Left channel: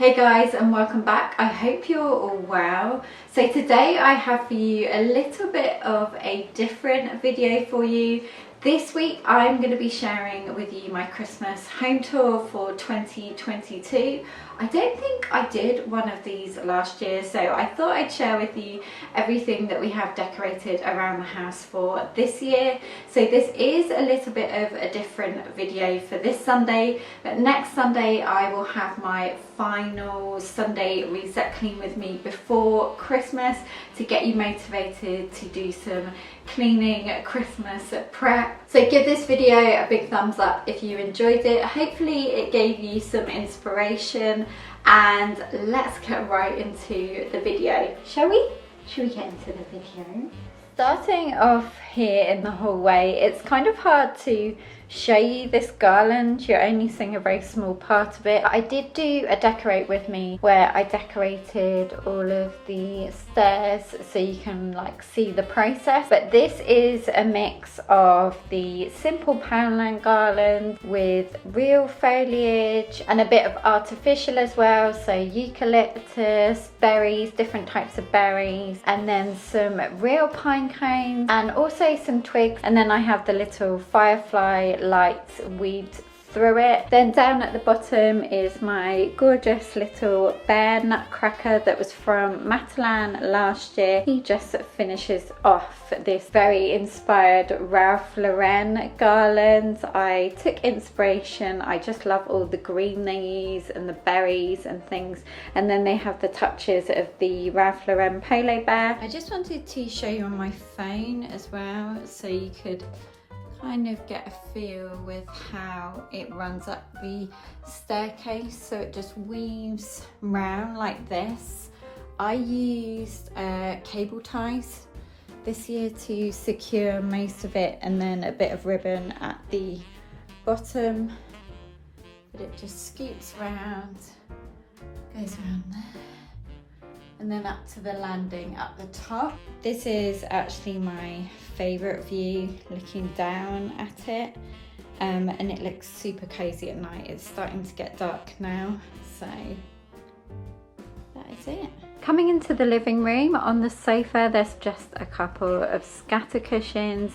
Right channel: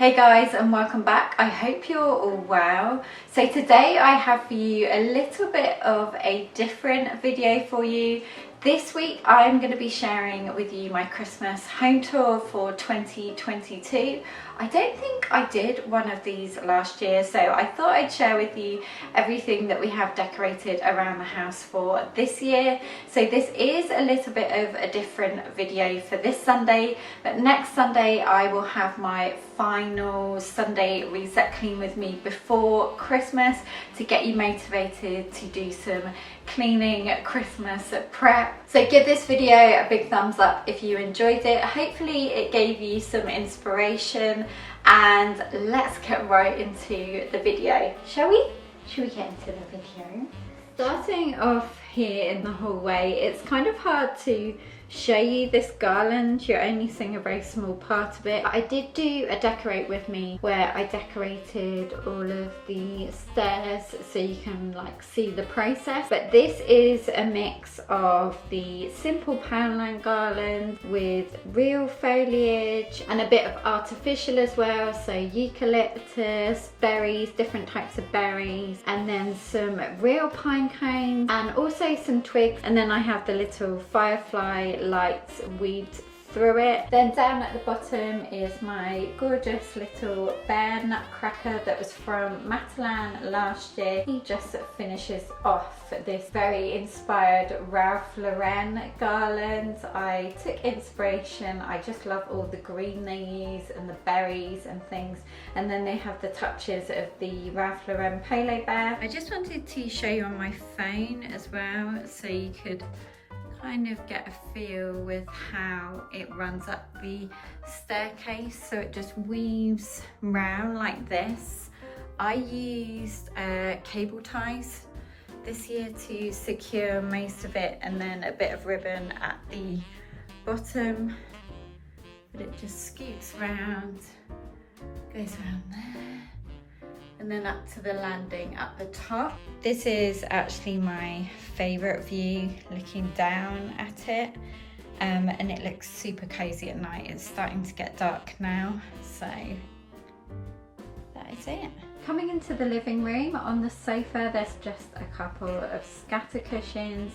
Hey guys, and welcome back. I hope you're all well. So today I have for you a little bit of a different video for you. This week I'm going to be sharing with you my Christmas home tour for 2022. I don't think I did one of these last year, so I thought I'd share with you everything that we have decorated around the house for this year. So this is a little bit of a different video for this Sunday, but next Sunday I will have my final Sunday reset clean with me before Christmas to get you motivated to do some cleaning Christmas prep. So give this video a big thumbs up if you enjoyed it. Hopefully it gave you some inspiration, and let's get right into the video, shall we? Should we get into the video? Starting off here in the hallway, it's kind of hard to show you this garland. You're only seeing a very small part of it. I did do a decorate with me where I decorated all of the stairs so you can like see the process, but this is a mix of the simple poundland garland with real foliage and a bit of artificial as well, so eucalyptus, berries, different types of berries, and then some real pine cones and also some twigs, and then I have the little firefly lights weaved through it. Then down at the bottom is my gorgeous little bear nutcracker that was from Matalan last year. He just finishes off this very inspired Ralph Lauren garland. I took inspiration. I just love all the green they use and the berries and things, and then they have the touches of the Ralph Lauren polo bear. I just wanted to show you on my phone as well so you could kind of get a feel with how it runs up the staircase. So it just weaves round like this. I used cable ties this year to secure most of it, and then a bit of ribbon at the bottom, but it just scoots round, goes around there, and then up to the landing at the top. This is actually my favourite view, looking down at it, and it looks super cozy at night. It's starting to get dark now, so that is it. Coming into the living room, on the sofa there's just a couple of scatter cushions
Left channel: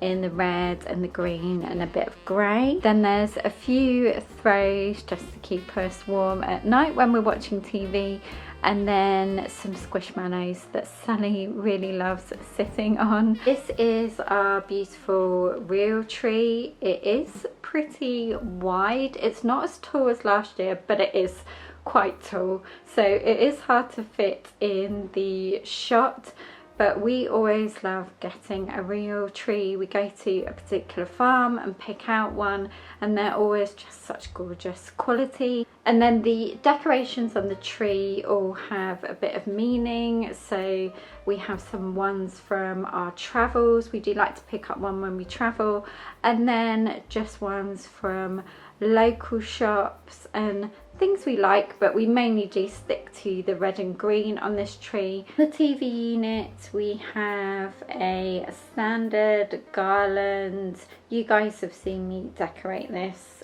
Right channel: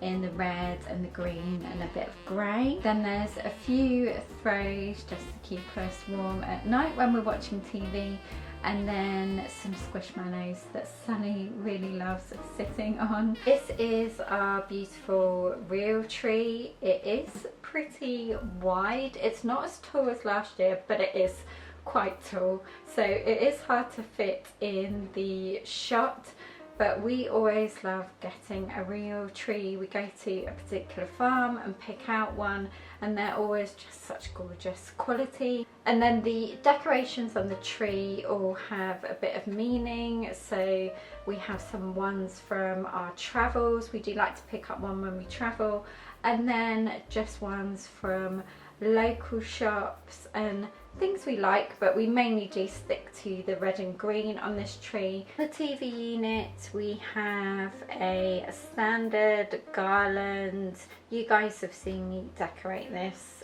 in the red and the green and a bit of grey. Then there's a few throws just to keep us warm at night when we're watching TV, and then some squishmallows that Sally really loves sitting on. This is our beautiful real tree. It is pretty wide. It's not as tall as last year, but it is quite tall. So it is hard to fit in the shot, but we always love getting a real tree. We go to a particular farm and pick out one, and they're always just such gorgeous quality. And then the decorations on the tree all have a bit of meaning. So we have some ones from our travels. We do like to pick up one when we travel, and then just ones from local shops and things we like, but we mainly do stick to the red and green on this tree. The TV unit, we have a standard garland. You guys have seen me decorate this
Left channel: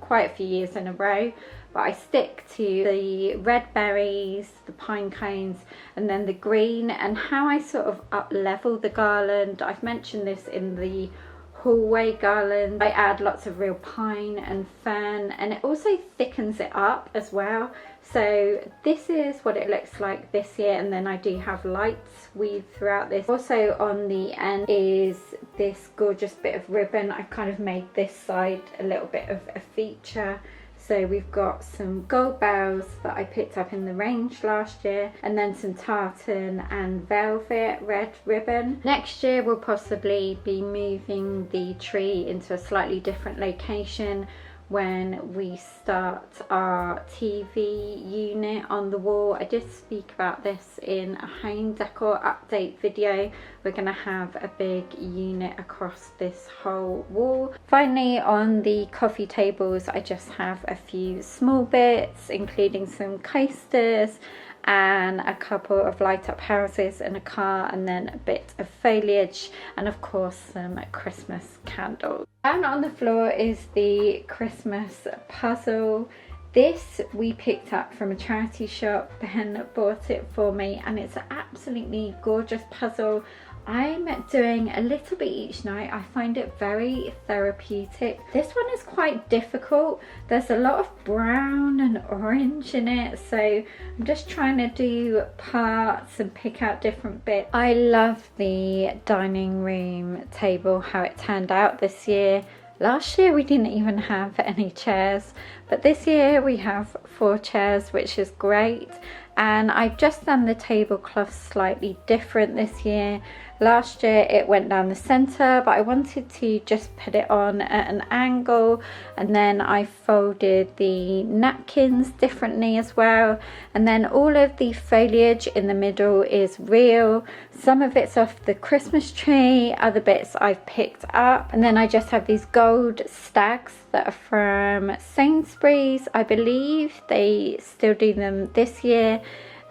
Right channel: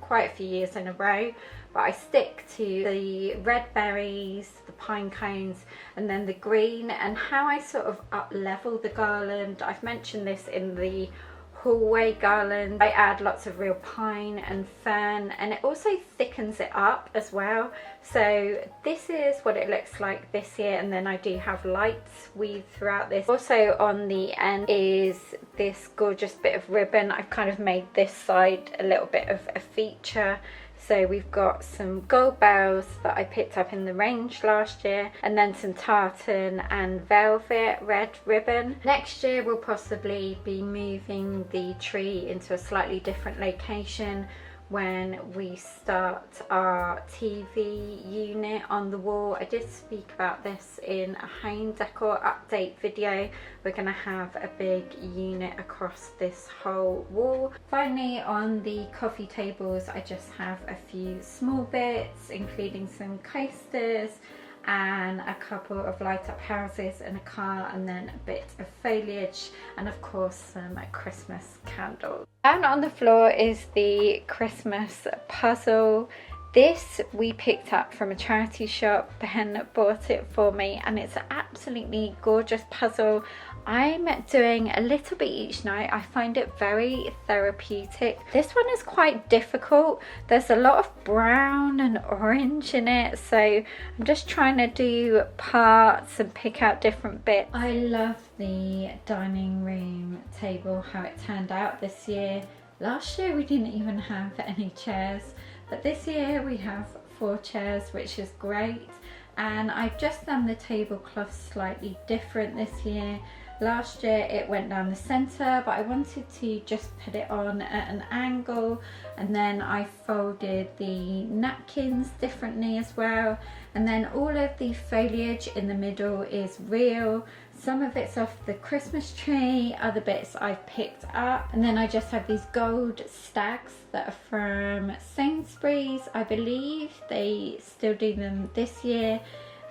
quite a few years in a row, but I stick to the red berries, the pine cones, and then the green. And how I sort of up level the garland, I've mentioned this in the hallway garland. I add lots of real pine and fern, and it also thickens it up as well. So this is what it looks like this year, and then I do have lights weaved throughout this. Also on the end is this gorgeous bit of ribbon. I've kind of made this side a little bit of a feature. So we've got some gold bells that I picked up in the range last year, and then some tartan and velvet red ribbon. Next year we'll possibly be moving the tree into a slightly different location when we start our TV unit on the wall. I did speak about this in a home decor update video. We're going to have a big unit across this whole wall. Finally, on the coffee tables, I just have a few small bits, including some coasters and a couple of light up houses and a car, and then a bit of foliage, and of course some Christmas candles. Down on the floor is the Christmas puzzle. This we picked up from a charity shop. Ben bought it for me and it's an absolutely gorgeous puzzle. I'm doing a little bit each night. I find it very therapeutic. This one is quite difficult. There's a lot of brown and orange in it, so I'm just trying to do parts and pick out different bits. I love the dining room table, how it turned out this year. Last year we didn't even have any chairs, but this year we have 4 chairs, which is great. And I've just done the tablecloth slightly different this year. Last year it went down the center, but I wanted to just put it on at an angle, and then I folded the napkins differently as well. And then all of the foliage in the middle is real. Some of it's off the Christmas tree, other bits I've picked up. And then I just have these gold stacks that are from Sainsbury's. I believe they still do them this year.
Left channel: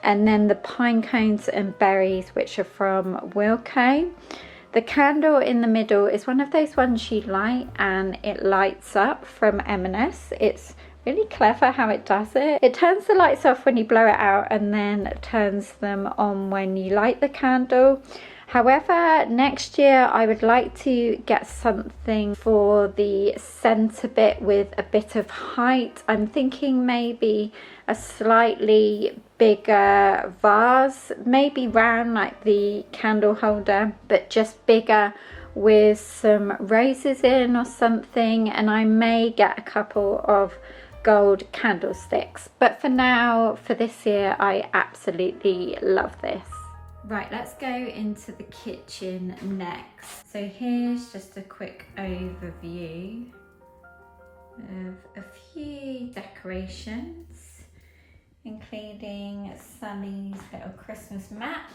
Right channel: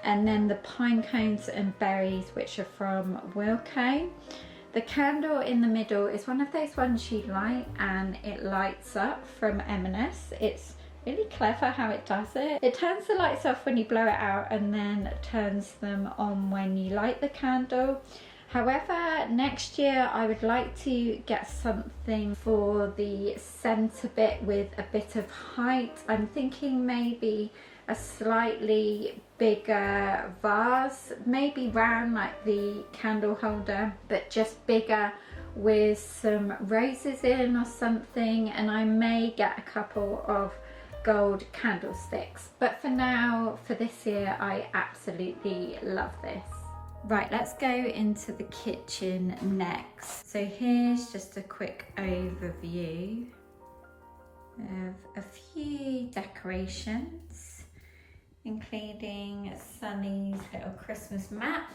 And then the pine cones and berries, which are from Wilko. The candle in the middle is one of those ones you light and it lights up from M&S. It's really clever how it does it. It turns the lights off when you blow it out and then turns them on when you light the candle. However, next year I would like to get something for the centre bit with a bit of height. I'm thinking maybe a slightly bigger vase, maybe round like the candle holder, but just bigger with some roses in or something. And I may get a couple of gold candlesticks. But for now, for this year, I absolutely love this. Right, let's go into the kitchen next. So here's just a quick overview of a few decorations, including Sunny's little Christmas mat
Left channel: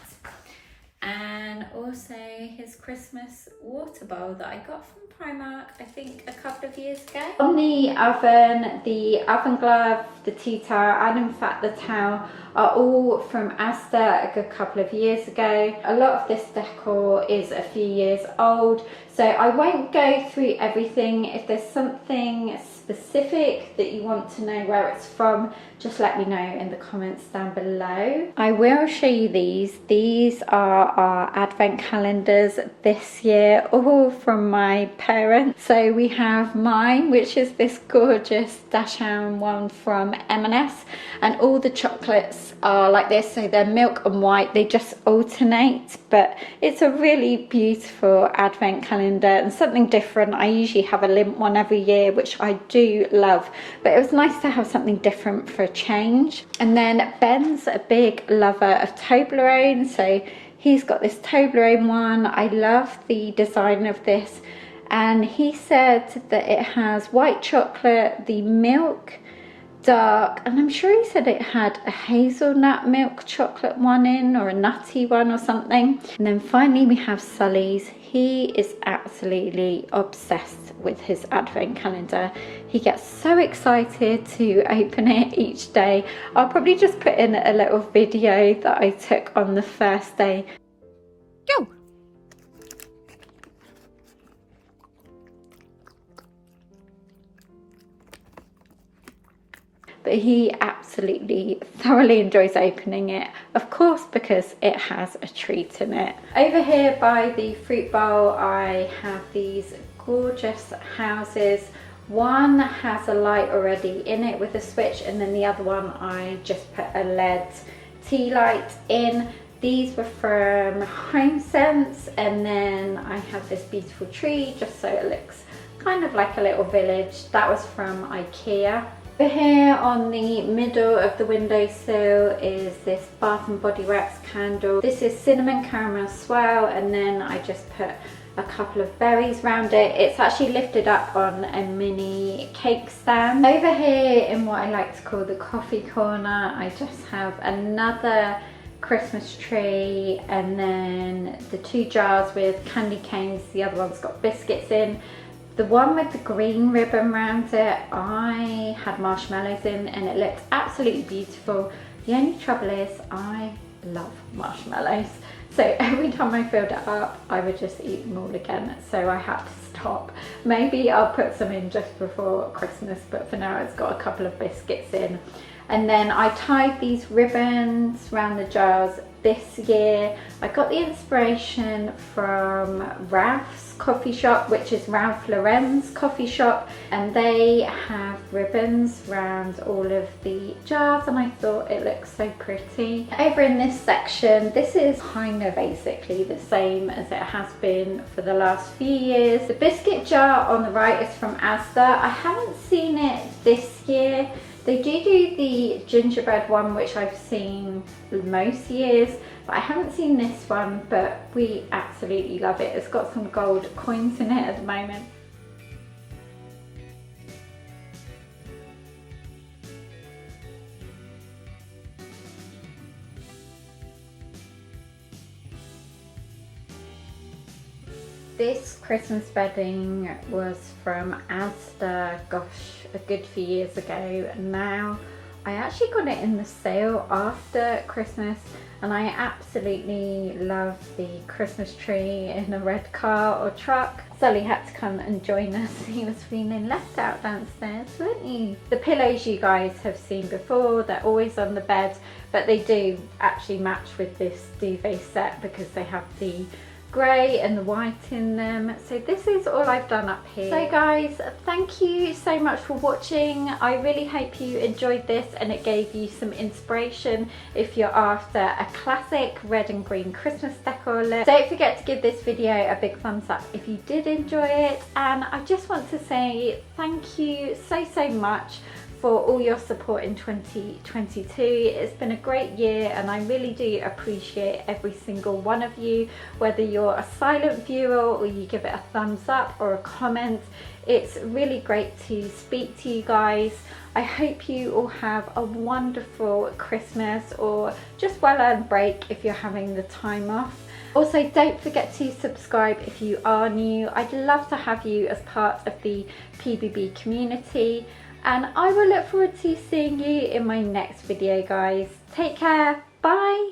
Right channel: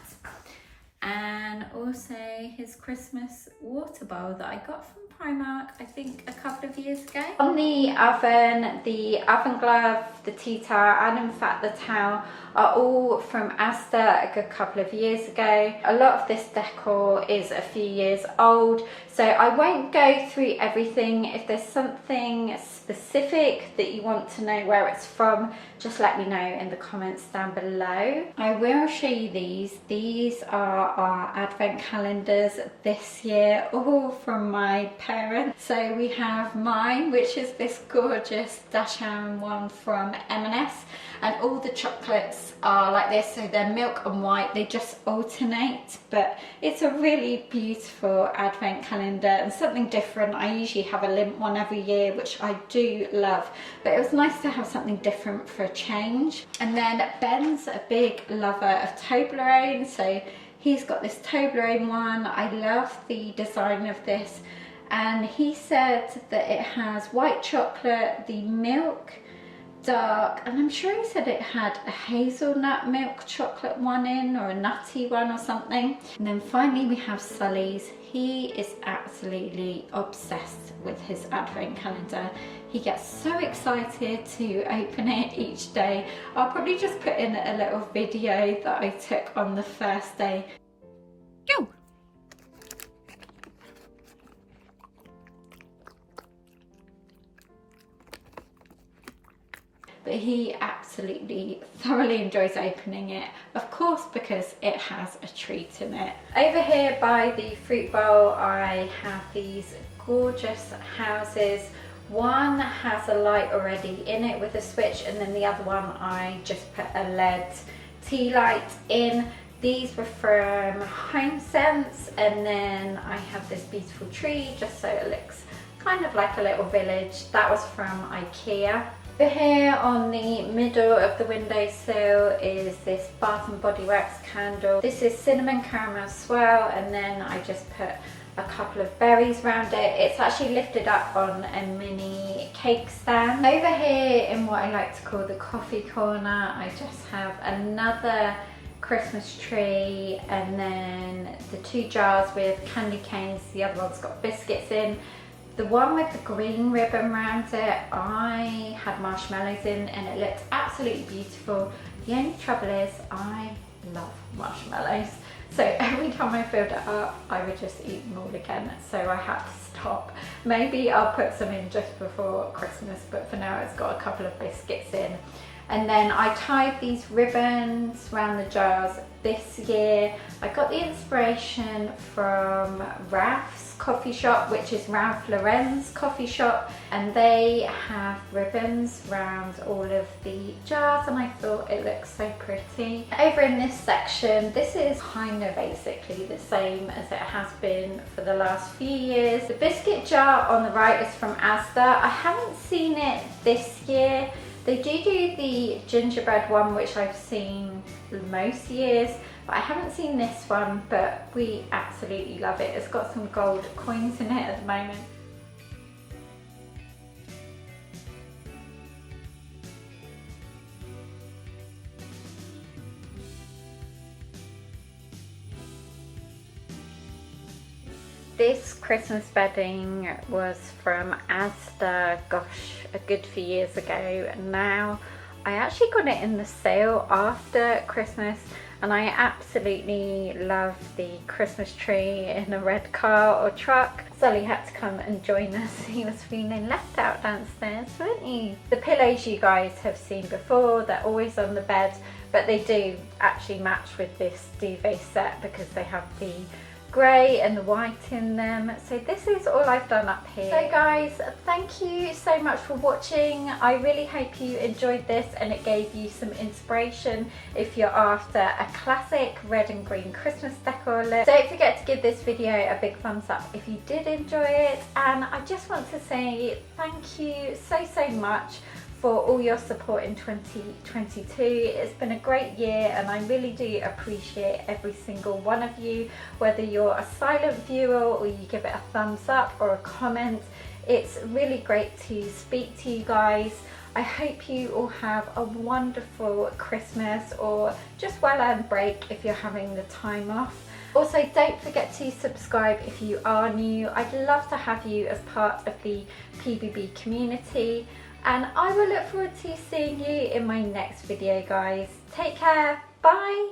and also his Christmas water bowl that I got from Primark, I think a couple of years ago. On the oven glove, the tea towel, and in fact the towel are all from Asda a good couple of years ago. A lot of this decor is a few years old, so I won't go through everything. If there's something specific that you want to know where it's from, just let me know in the comments down below. I will show you these. These are our advent calendars this year, all from my parents. So we have mine, which is this gorgeous Dachshund one from M&S, and all the chocolates are like this, so they're milk and white, they just alternate, but it's a really beautiful advent calendar and something different. I usually have a limp one every year, which I do love, but it was nice to have something different for a change. And then Ben's a big lover of Toblerone, so he's got this Toblerone one. I love the design of this, and he said that it has white chocolate, the milk dark, and I'm sure he said it had a hazelnut milk chocolate one in, or a nutty one or something. And then finally we have Sully's. He is absolutely obsessed with his advent calendar. He gets so excited to open it each day. I'll probably just put in a little video that I took on the first day. Go! But he absolutely thoroughly enjoys opening it, of course, because it has a treat in it. Over here by the fruit bowl, I have these gorgeous houses. One has a light already in it with a switch, and then the other one I just put a LED tea light in. These were from HomeSense, and then I have this beautiful tree just so it looks kind of like a little village. That was from IKEA. Over here on the middle of the windowsill is this Bath and Body Works candle. This is cinnamon caramel swirl, and then I just put a couple of berries around it. It's actually lifted up on a mini cake stand. Over here in what I like to call the coffee corner, I just have another Christmas tree, and then the 2 jars with candy canes. The other one's got biscuits in. The one with the green ribbon around it, I had marshmallows in, and it looked absolutely beautiful. The only trouble is I love marshmallows. So every time I filled it up, I would just eat them all again. So I had to stop. Maybe I'll put some in just before Christmas, but for now it's got a couple of biscuits in. And then I tied these ribbons around the jars this year. I got the inspiration from Ralph's coffee shop, which is Ralph Lauren's coffee shop, and they have ribbons around all of the jars, and I thought it looks so pretty. Over in this section, this is kind of basically the same as it has been for the last few years. The biscuit jar on the right is from Asda. I haven't seen it this year. They do the gingerbread one, which I've seen most years, but I haven't seen this one, but we absolutely love it. It's got some gold coins in it at the moment. This Christmas bedding was from Asda, gosh, a good few years ago. Now I actually got it in the sale after Christmas, and I absolutely love the Christmas tree in a red car or truck. Sully had to come and join us. He was feeling left out downstairs, weren't you? The pillows you guys have seen before, they're always on the bed, but they do actually match with this duvet set because they have the grey and the white in them. So this is all I've done up here. So guys, thank you so much for watching. I really hope you enjoyed this and it gave you some inspiration if you're after a classic red and green Christmas decor look. Don't forget to give this video a big thumbs up if you did enjoy it, and I just want to say thank you so much for all your support in 2022. It's been a great year and I really do appreciate every single one of you, whether you're a silent viewer or you give it a thumbs up or a comment. It's really great to speak to you guys. I hope you all have a wonderful Christmas or just well-earned break if you're having the time off. Also, don't forget to subscribe if you are new. I'd love to have you as part of the PBB community. And I will look forward to seeing you in my next video, guys. Take care. Bye.